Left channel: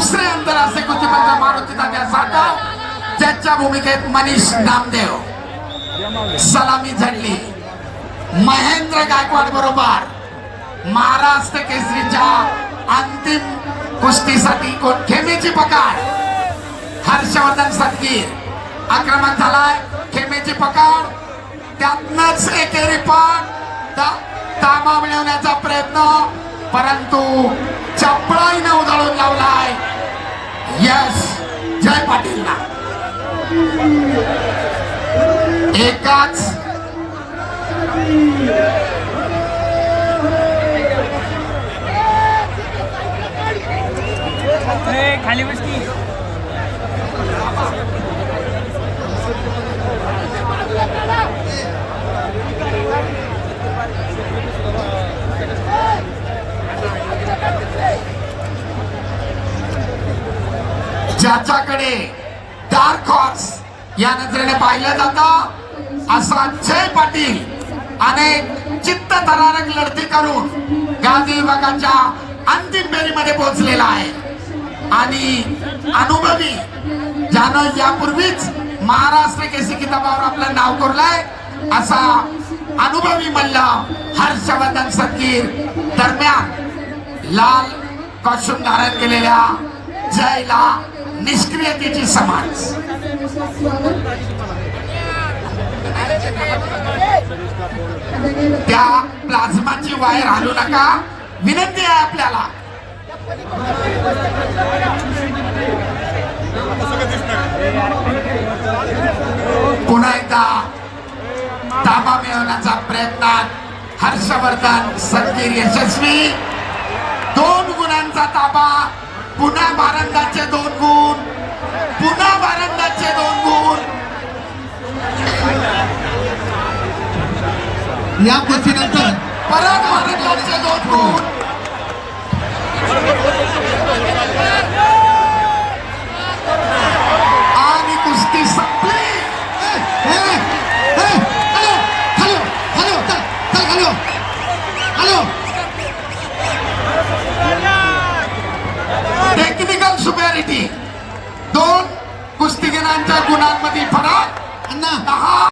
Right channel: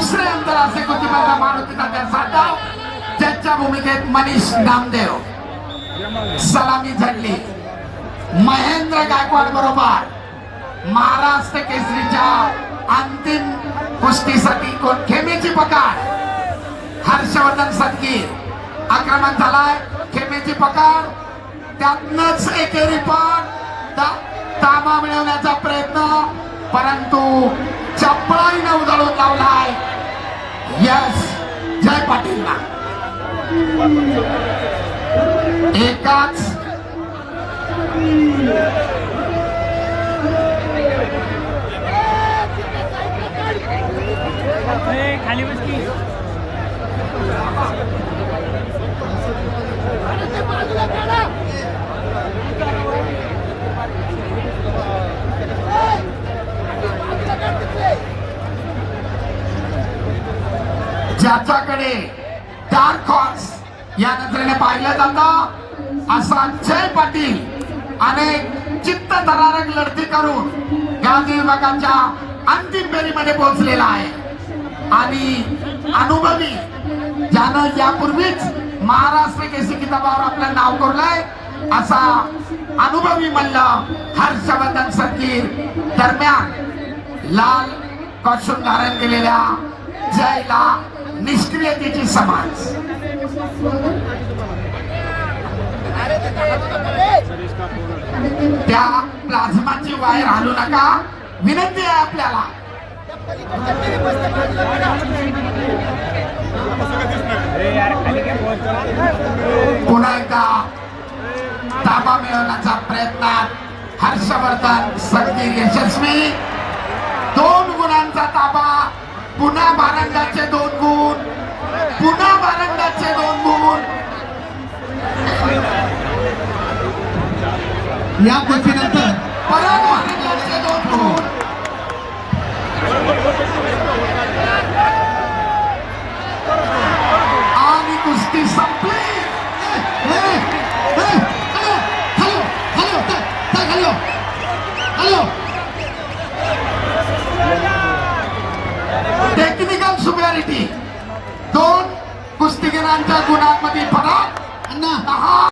दुसरे आंतरराष्ट्रीय कुस्तीपटू मारुती तात्या साठा ज्याच्या भूमिकेत मनीष नामदेव सलामी झडली महेंद्र गायकवाड बरोबर महाराष्ट्र केसरीच्या अंतिम कुस्तीसाठी खेमेची पकड हर्षवर्धन सदगीर आक्रमण झालाय खेमेची पकड त्यातनच एकेरी पण ताबा मिळवण्याचा प्रयत्न परंतु चपळाईने उधळून लावलाय यस जय पाटीलला एकाच खाली बसकी ज्याच्याकडे डार्क हॉर्स या नजरेने पाहिलं जातं असा जय पाटील अनेक चित्तथरारक लढती करून गांधी विभागाच्या अंतिम फेरीमध्ये पोहोचलेला आहे आणि अनुभवी ज्यानं यापूर्वीच महाराष्ट्र केसरी किताबावर आपलं नाव कोरलंय असा अनुभवी मल्ल हर्षवर्धन सदगीर दरम्यान लाल कॉस्ट्युम धारण केलेल्या जयला निष्क्रियतेची समाज त्या प्लाझ्माची वायर हलू नका विनंती आहे आपल्याला पुन्हा एकदा ताबा मिळवण्याचा प्रयत्न हर्षवर्धन सदगीर यशस्वी 2 गुणांचा ताबा पुन्हा भारंगाचे 2 गुण पुन्हा भारंगाचे 2 गुण या कुस्तीनंतर परत भारंगाचे 2 गुण आणि कुस्ती संपली टेक्निकल सुपॅरिटी 2 कुस्तीगिरांच्या गुणांमध्ये